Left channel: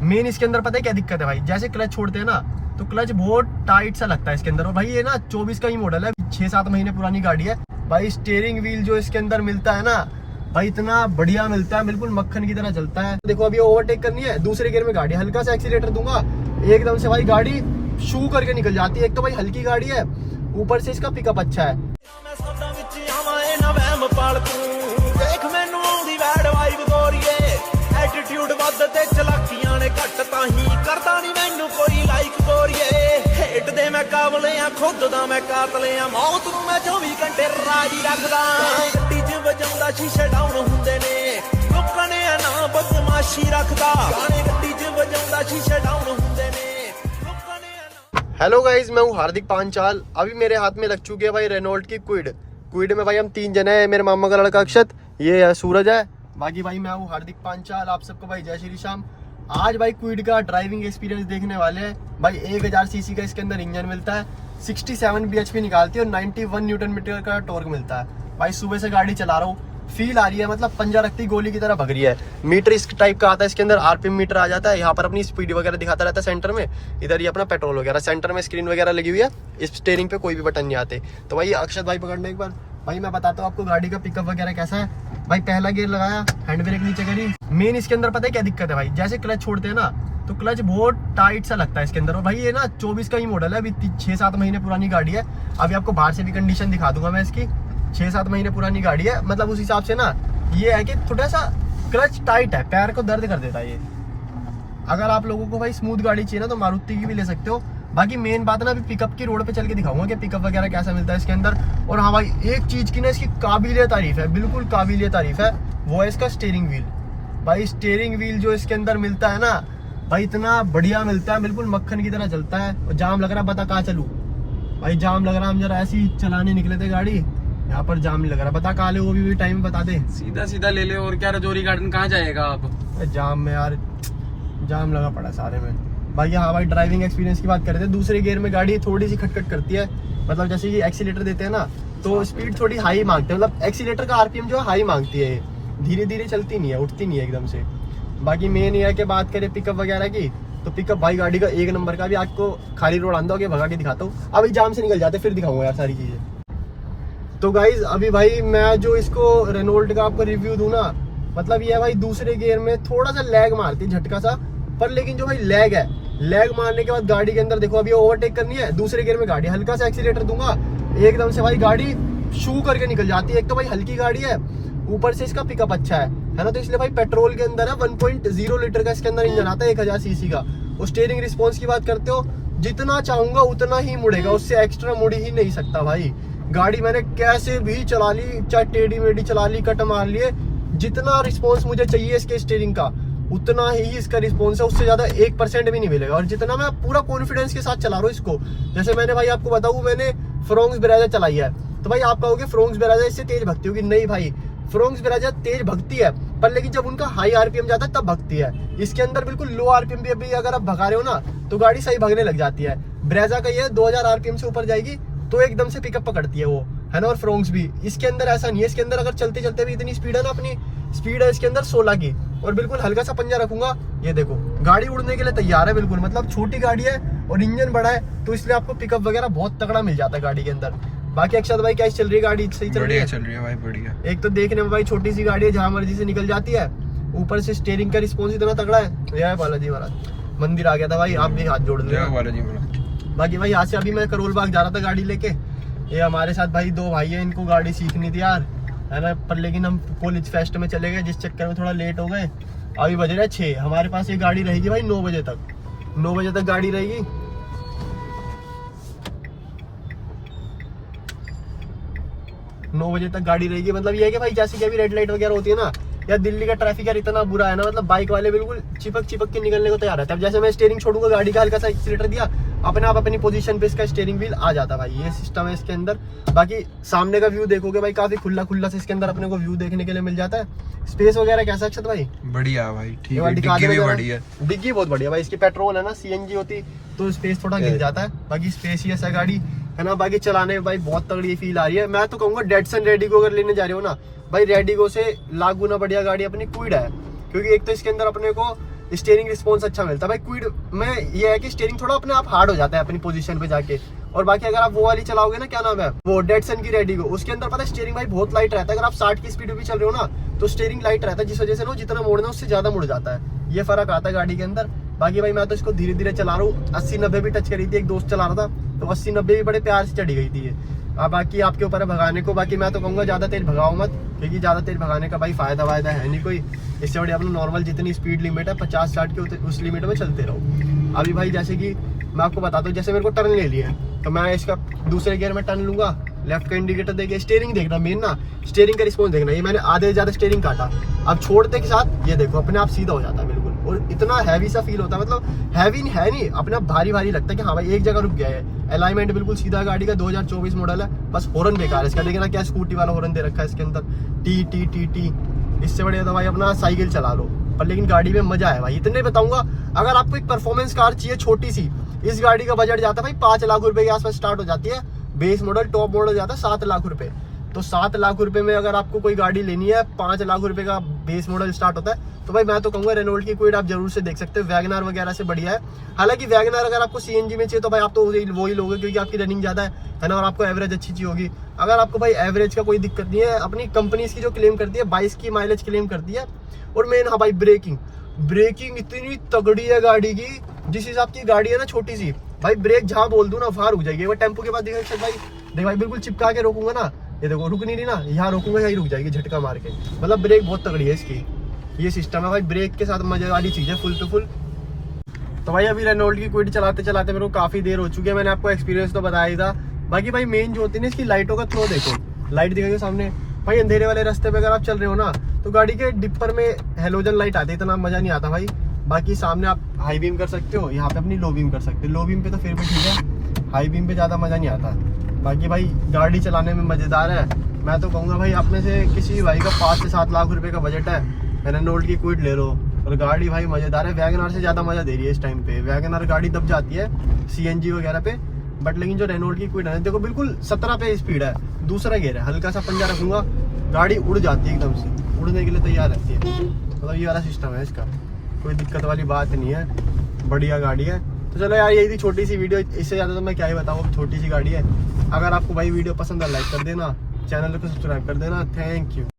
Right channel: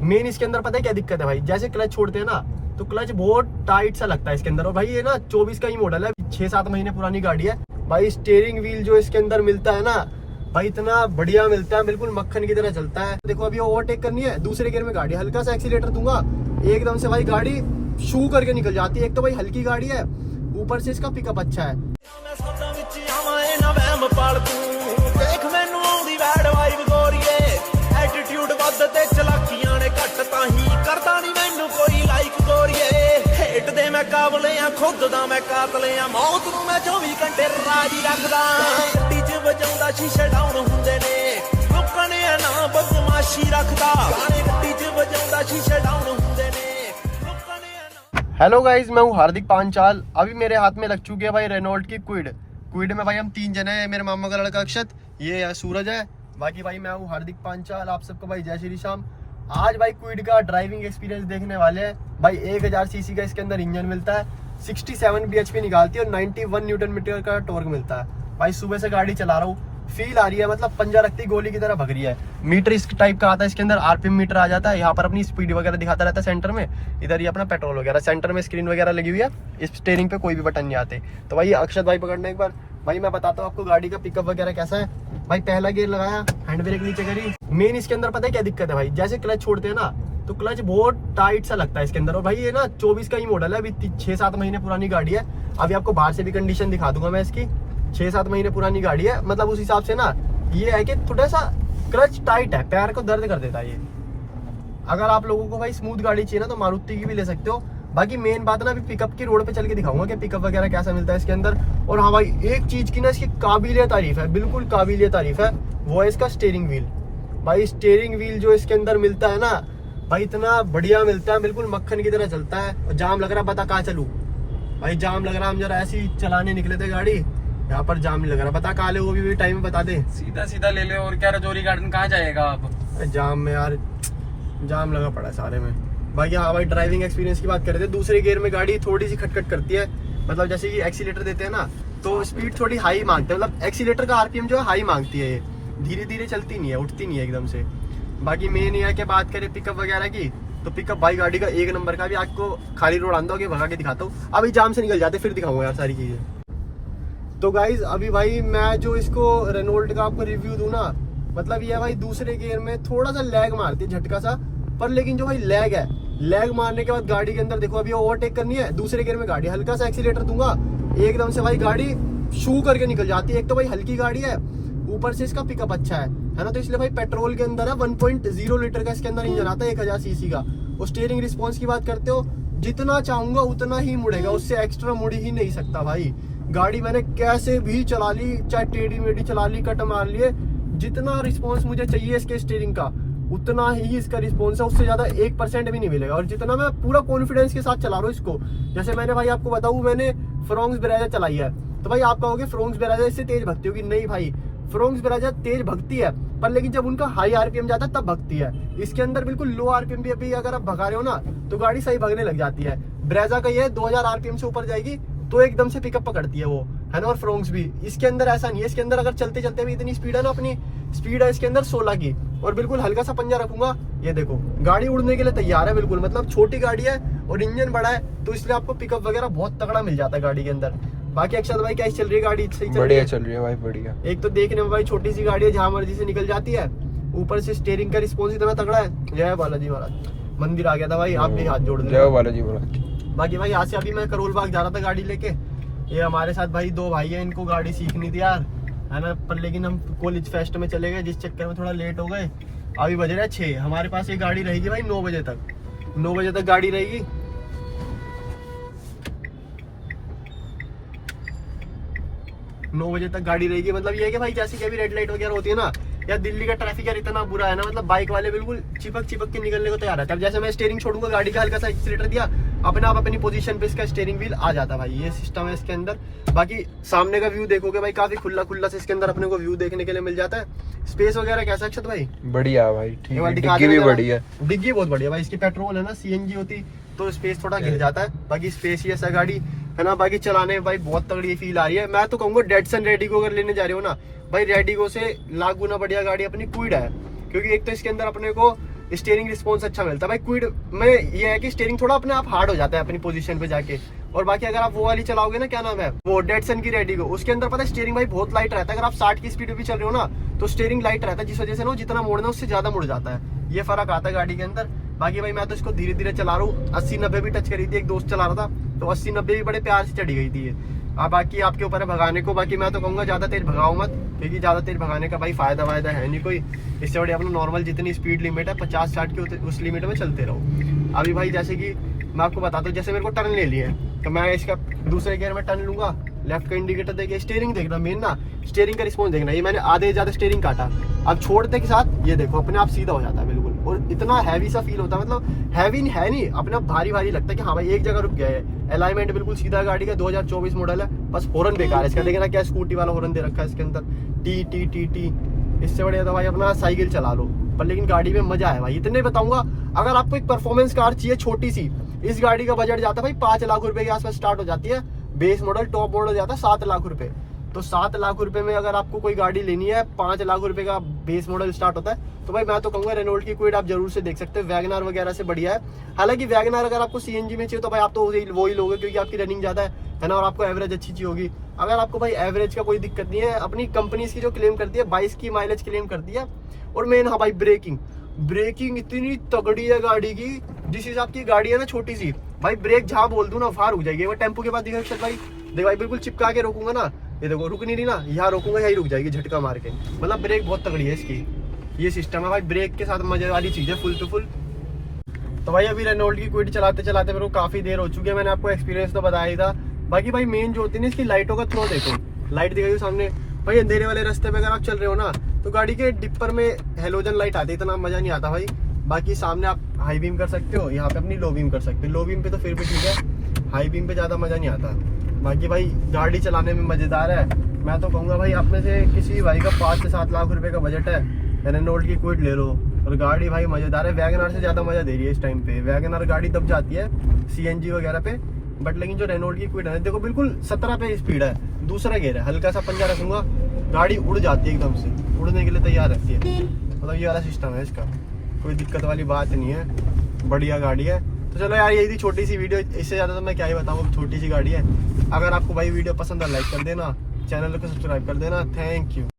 Main इसके अंदर पता है क्या दिक्कत है भाई, जैसे क्लच छोड़ते हैं ना तो क्लच बहुत टाइट सा लगता है इसके अंदर। और भाई ये ना 24 का ही मॉडल है, 6-7 महीने पुरानी गाड़ी है भाई। स्टीयरिंग व्हील जो इसके अंदर मिलता है ना भाई, इतना बढ़िया मिलता है, बिल्कुल मक्खन की तरह चलता है। देखो अभी ओवरटेक करनी है, दूसरे गियर में गाड़ी, हल्का सा एक्सीलेटर दूंगा, एकदम से भाई गाड़ी शू करके निकल जाती है। एक तो भाई हल्की गाड़ी है, ऊपर से इसका पिकअप अच्छा है। एटीट्यूड वध ते चलाकियां ने घट ताही करदा नहीं मैनू कोई लाइक गोरीए। हेट दे मैं काबले आ, खुद दा मैं कातले आ, मौत नू मैं 24 घंटे राजी रखदा। गड्डी च वजाउंदा शीशे डाउन हुंदे ने, लोकां ने ना बदमाशी रखदा। गाने गड्डी च वजाउंदा शीशे डाउन हुंदे ने, लोकां ने ना। हेलो गाइज, मैं हूँ हार्दिक पांचाल। अभी मेरे हाथ में लग चुकी है भाई रेनॉल्ट की क्विड में भाई हम 3 जने हैं। मेरे मामा का लड़का अक्षत, ये सूरज है, बाकी भाई मैं हूँ हार्दिक पांचाल। आप सबको भाई जय श्री श्याम। आज भाई क्विड का ड्राइविंग एक्सपीरियंस देखने वाले हैं भाई। 1000 सीसी का इसके अंदर इंजन मिलता है, 67 bhp निकालती है और 91 न्यूटन मीटर का टॉर्क मिलता है भाई। सुबह से गाड़ी चला रहा हूँ, फील आ रही है, मतलब पंजा रखती गोली की तरह भग रही है। मीटर इस टाइप का आता है, इसके अंदर आरपीएम मीटर आ जाता है। यहाँ पर अपनी स्पीड वगैरह दिखाता रहता है सेंटर में, इधर ये अपना पेट्रोल वगैरह। सेंटर में स्क्रीन वगैरह लगी हुई है, इस स्टीयरिंग पे कोई भी बटन नहीं आते। तो भाई अक्षत भाई पकड़ने एक बार भाई मैं बताता हूँ आपको गाड़ी का पिकअप वगैरह कैसा है। भाई पहला गियर लगाया, हैंड ब्रेक नीचे करी। मेन इसके अंदर पता है क्या दिक्कत है भाई, जैसे क्लच छोड़ते हैं ना तो क्लच बहुत टाइट सा लगता है इसके अंदर। और भाई ये ना 24 का ही मॉडल है, अभी 6-7 महीने पुरानी गाड़ी है। अभी आपको बाहर से भी कंडीशन दिखा दूंगा मैं इसकी। 6-7 महीने पुरानी गाड़ी है, मतलब उस हिसाब से ना ये है कि थोड़ा सा क्लच टाइट है, पैर को दर्द कर देता है ये। अगर आप लोगों को भाई स्मूथ गाड़ी चाहिए ना तो मारुति की भी ले सकते हो। बाकी मेन बात ना अभी पिकअप की रोड पे चल के दिखाऊंगा कि पिकअप वगैरह कैसा मिलता है इसके अंदर। और हाँ भाई एक चीज की ना इसकी काबिलिय तारीफ है, बिल्कुल काबिलिय तारीफ है, वो है इसका स्टीयरिंग व्हील। भाई स्टीयरिंग व्हील जो इसके अंदर मिलता है ना भाई, इतना बढ़िया मिलता है, बिल्कुल मक्खन की तरह चलता है। और जाम लग रहा है, बता कहाँ चलूं भाई, जाम लग रहा है। हम जरा ऐसे ही चलाने निकले थे गाड़ी, यहाँ पर जाम नहीं लग रहा, बता कहाँ ले, वो भी टाइम बता दे। सीधा सीधा ले ले, और क्या रजौरी गार्डन कहाँ जाएगा आप? जाम में यार, जाम लगा पड़ा सारे में। बाकी हाँ भाई ड्राइविंग एक्सपीरियंस की बात कर रहे थे, दूसरे गियर में गाड़ी थोड़ी सी खटखट करती है, मतलब जैसे कि एक्सीलेटर देते हैं ना तो स्पीड थोड़ी हाई मांगते हैं, मतलब एक्सीलेटर का आरपीएम जो है हाई मांगती है, धीरे धीरे चलती नहीं है, उठती नहीं है एकदम से। बाकी मेन ये है कि बात करें पिकअप वगैरह की, तो पिकअप भाई गाड़ी का 1 नंबर का। भी आपको खाली रोड आंदा होगा, भगा के दिखाता हूँ। अभी जाम से निकल जाते फिर दिखाऊंगा यार सारी चीजें। तो गाइज अभी भाई मैं जो इसको रेनॉल्ट का आपको रिव्यू दूं ना, मतलब ये है भाई दूसरे गियर में थोड़ा सा लैग मारती है, झटका सा, पर लेकिन जो भाई लैग है, लैग मारने के बाद गाड़ी के अंदर देखो अभी ओवरटेक करनी है, दूसरे गियर में गाड़ी, हल्का सा एक्सीलेटर दूंगा, एकदम से भाई गाड़ी शू करके निकल जाती है। एक तो भाई हल्की गाड़ी है, ऊपर से इसका पिकअप अच्छा है ना, तो इसलिए भाई पेट्रोल के अंदर है 1.0 लीटर का इसके अंदर इंजन आता है 1000 सीसी का। और स्टीयरिंग रिस्पॉन्स की बात करते हो, जितना चाहूंगा उतना ही मुड़ेगा, उससे एक्स्ट्रा मुड़ ही नहीं सकता भाई। गाड़ी मैंने कैसे भी चला ली, चाहे टेढ़ी मेढ़ी चला ली, कट मार लिए, जितना रिस्पॉन्स मुझे चाहिए इसके स्टीयरिंग का उतना ही इसका रिस्पॉन्स है, उससे ज्यादा 1% भी नहीं मिलेगा। और जितना मैं पूरा कॉन्फिडेंस के साथ चला रहा हूँ इसको, जैसे मैंने भाई आपको बताऊँ, मैंने फ्रोंक्स ब्रेजा चलाई है, तो भाई आप कहोगे फ्रोंक्स ब्रेजा इससे तेज भगती होगी, नहीं भाई फ्रोंक्स ब्रेजा तेज भगती है, पर लेकिन जब उनका हाई आरपीएम जाता है तब भगती है। इसके अंदर बिल्कुल लो आरपीएम भी अभी अगर आप भगा रहे हो ना तो गाड़ी सही भगने लग जाती है। ब्रेजा का ये 2000 आरपीएम से ऊपर जाएगी तो एकदम से पिकअप पकड़ती है वो, है ना। और फ्रोंक्स भी इसके अंदर ऐसा नहीं है, इसके अंदर अगर चलते चलते भी इतनी स्पीड है ना, अपनी स्पीड है इसके अंदर 16 की। और बिल्कुल हल्का सा पंजा रखूंगा, ये देखो गाड़ी उड़ने के लिए तैयार है बिल्कुल, मतलब छोटी गाड़ी है और इंजन बड़ा है, तो इसलिए आपको पिकअप वगैरह बहुत तगड़ा मिल जाता है गाड़ी के अंदर। बाकी अक्षत भाई कैसी चल रही है गाड़ी? सही चल रही है? चल रही है भाई, बढ़िया। एक तो देखने में भाई छोटी सी गाड़ी है, जहां मर्जी से निकल जाती है, ऊपर से स्टीयरिंग का रिस्पॉन्स इतना तगड़ा है। जय बालाजी महाराज, मंदिर आ गया था भाई, आप भी हाथ जोड़ दो। जय बालाजी महाराज। बाकी भाई यहाँ से अभी मैं करोल बाग जा रहा था गाड़ी लेके, ये हमारे साथ भाई 2 भाई है, इनको गाड़ी सीखनी थी यार, है ना, पर लेकिन हम कॉलेज फेस्ट में चले गए, जिस चक्कर में थोड़ा लेट हो गए। अभी बज रहा है 6, हमारे पास ये गाड़ी रहेगी भाई 9 बजे तक, 9 बजे तक गाड़ी रहेगी। 9 बजे तक गाड़ी रहेगी, मतलब ये है कि भाई जैसे कि अभी रेड लाइट वगैरह होती है ना, या दिल्ली का ट्रैफिक यार इतना बुरा है ना, मतलब बाइक वाले बिल्कुल चिपक के निकलने को तैयार है। अब जैसे मैं स्टीयरिंग छोड़ूंगा, गाड़ी का हल्का सा एक्सीलेटर दिया, अपने आप अपनी पोजीशन पे इसका स्टीयरिंग व्हील आ जाता है भाई, ये सिस्टम है इसके अंदर। बाकी सामने का व्यू देखोगे भाई, काफी खुला से इसके अंदर अपने को व्यू देखने के लिए मिल जाता है। स्पेस वगैरह कैसा अक्षत भाई? बढ़िया भाई, ठीक है, डिग्गी भी बढ़िया, डिग्गी बहुत बढ़िया भाई। इसकी पेट्रोल है ना, सीएनजी होती तो स्पेस थोड़ा गिर जाता है, बाकी स्पेसियस है गाड़ी, है ना। बाकी चलाने में भाई बहुत तगड़ी फील आ रही है। मैं तो कहूंगा डेटसन रेडिगो अगर लेने जा रहे हो ना भाई, रेडिगो से लाख गुना बढ़िया गाड़ी अपनी क्विड है, क्योंकि एक तो इसके अंदर अपने को स्टीयरिंग रिस्पॉन्स अच्छा मिलता है भाई। क्विड में ये है कि स्टीयरिंग थोड़ा अपने आप हार्ड हो जाता है अपनी पोजीशन पे जाके। और बाकी अगर आप वो वाली चलाओगे ना, क्या नाम है वो, डेटसन की रेडिगो, उसके अंदर पता है स्टीयरिंग भाई बहुत लाइट रहता है। अगर आप 60 की स्पीड पे भी चल रहे हो ना तो स्टीयरिंग लाइट रहता है, जिस वजह से ना जितना मोड़ना उससे ज्यादा मुड़ जाता है। ये फर्क आता है गाड़ी के अंदर। बाकी भाई मैं तो इसको धीरे धीरे चला रहा हूँ, 80-90 भी टच करी थी, एक दोस्त चला रहा था तो 80-90 भी बड़े प्यार से चढ़ी गई थी ये। अब बाकी आपके ऊपर है भगाने को। बाकी मैं तो कहूँगा ज्यादा तेज भगाओ मत, क्योंकि ज्यादा तेज भगाने का भाई फायदा वायदा है नहीं कोई। इससे बड़ी अपना नॉर्मल जितनी स्पीड लिमिट है 50-60 की उस लिमिट में चलते रहो। अभी भाई जैसे कि मैं आपको बताता हूँ, जैसे मेरे को टर्न ले लिया है तो मैं इसका दूसरे गियर में टर्न लूंगा, लेफ्ट का इंडिकेटर देखिए, स्टीयरिंग देखना मेन ना, स्टीयरिंग का रिस्पॉन्स देखना। ये मैंने आधे से ज्यादा स्टीयरिंग काटा, अब छोड़ने के साथ ये देखो अपने आप सीधा हो जाता है बिल्कुल। और इतना हैवी सा फील होता है, मतलब हैवी है नहीं, अपने आप भारी भारी लगता है कि हाँ भाई एक जगह रुक गया है। अलाइनमेंट बिल्कुल सीधा गाड़ी का, 2024 मॉडल है। बस हॉर्न बेकार है इसका, लेकिन क्या स्कूटी वाला हॉर्न दे रखा है इसके अंदर, टी टी टी टी। इससे बढ़िया तो भाई अपना साइकिल चला लो, पर लेकिन गाड़ी में मजा है भाई। इतने बताऊंगा, अगर आपको एक परफॉर्मेंस कार चाहिए छोटी सी, इस गाड़ी का बजट जाता है भाई 5 लाख रुपए के आसपास स्टार्ट हो जाती है। बेस मॉडल, टॉप मॉडल जाता है 7 लाख रुपए। तो 7 लाख रुपए में अगर आपको कोई गाड़ी लेनी है, 5 लाख रुपए का बेस मॉडल स्टार्ट होता है, तो भाई मैं तो कहूंगा रेनॉल्ट की क्विड आप जरूर से देख सकते हो। वैगनआर वगैरह से बढ़िया है। हालांकि वैगनआर अगर आपको सीएनजी में चाहिए तो भाई आप तो वो ही लोगे, क्योंकि आपकी रनिंग ज्यादा है ना, और आपको एवरेज अच्छी चाहिए होगी। अगर आपको भाई एवरेज का कोई दिक्कत नहीं है, अपनी कंपनी इसकी जो क्लेम करती है 22 की माइलेज क्लेम करती है। और मेन हाँ भाई ब्रेकिंग इतनी तगड़ी है गाड़ी की, जिस हिसाब की गाड़ी है ना छोटी सी, भाई ब्रेक जहां बोल दूं ना वहां रुक जाएगी। वो टेम्पो के बाद देख भाई बिल्कुल चिपका के रोकूंगा ना, ये देखो रुक नहीं रही ना, यहाँ रोकूंगा यही रुक जाएगी झटका मार के। मतलब ब्रेक बहुत तगड़ी है इसकी, ये सिस्टम है भाई। ब्रेक के साथ मजे वाली चीज है फुल टू फुल। तो भाई अभी रेनॉल्ट की क्विड चलाते चलाते मेरे को काफी देर हो चुकी है, मैंने आपको एक्सपीरियंस तो बताया ही था। बाकी भाई मेन जो होती है ना इसकी लाइटों का थ्रो देखो, लाइट दिखाओगे सामने भाई, अंधेरे वाले रास्ते पे अगर आप चल रहे हो ना तो गाड़ी के डिपर में हेलोजन लाइट आती है, इतना मजा नहीं आता भाई। बाकी सामने आप हाई बीम कर सकते हो, यहाँ पे अपनी लो बीम कर सकते हो। लो बीम पे तो फिर भी ठीक है, हाई बीम पे ज्यादा मजा नहीं आता। बाकी भाई गाड़ी चलाने में मजेदार है। मैं तो कहूँगा भाई आप में से किसी भी भाई का 5 से 7 लाख रुपए का बजट है, रेनॉल्ट की क्विड ले लो। और गाड़ी भाई मजेदार है, वैगनआर से ज्यादा मजा दे रही है इस टाइम पे। वैगनआर गाड़ी दब जाती है सीएनजी वगैरह पे, बट लेकिन जो रेनॉल्ट की क्विड है देखो बिल्कुल 17 पे स्पीड है, दूसरा गियर है, हल्का सा पंजा रखूंगा गाड़ी उड़ जाती है, एकदम से उड़ने के लिए तैयार रहती है। मतलब ये वाला सिस्टम है इसका, कोई दिक्कत वाली बात नहीं है, बढ़िया गाड़ी है। तो चलो यार यही थी छोटी सी वीडियो, इससे ज्यादा तो मैं क्या ही बताऊँ, छोटी सी गाड़ी है। अगर आपको भाई वीडियो पसंद है लाइक कर देना, चैनल को सब्सक्राइब कर देना। Thank you.